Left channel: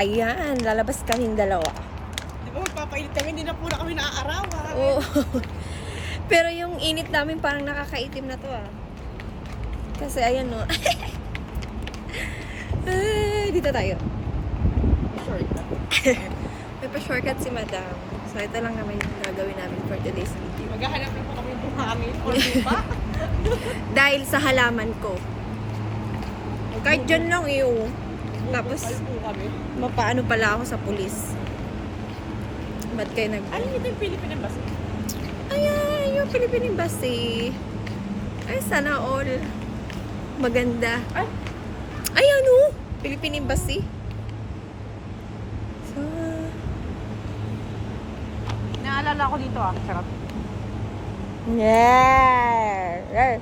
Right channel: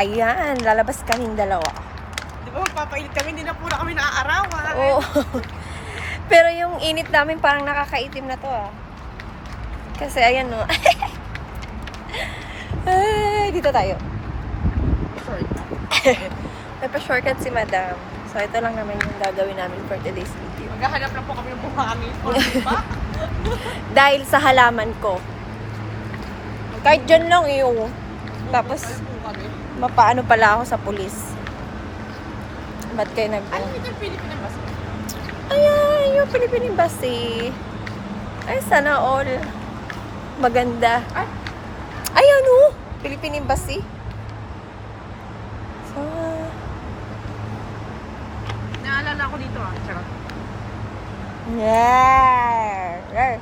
Ayan, lalabas kaming dalawa. Di ba magpapainit kami, hindi na pura kami naaarawan. Oo. Pero yung init namin parang nakakaitim na to ah. Kasi ayan no. Ay, dito tayo. Short na. May pa-shortcut si Madam. So ito lang naman yung gagawin namin for today's video. Maghahanap na po kami ng buhangin. O ba? Dahil sa halaman ko. Kahit dyan lang iyo. Tapos, Ay po kami. mapaano pala ako sa pulis. Ba't kayo nag... Ano ito yung Philippine ba? Ayan, yung Philippine Embassy. Ay, sana all. Maganda. Ay, Ayan o! Philippine Embassy. Oh. naalala ko dito ah. Charot. Yeah! Yeah.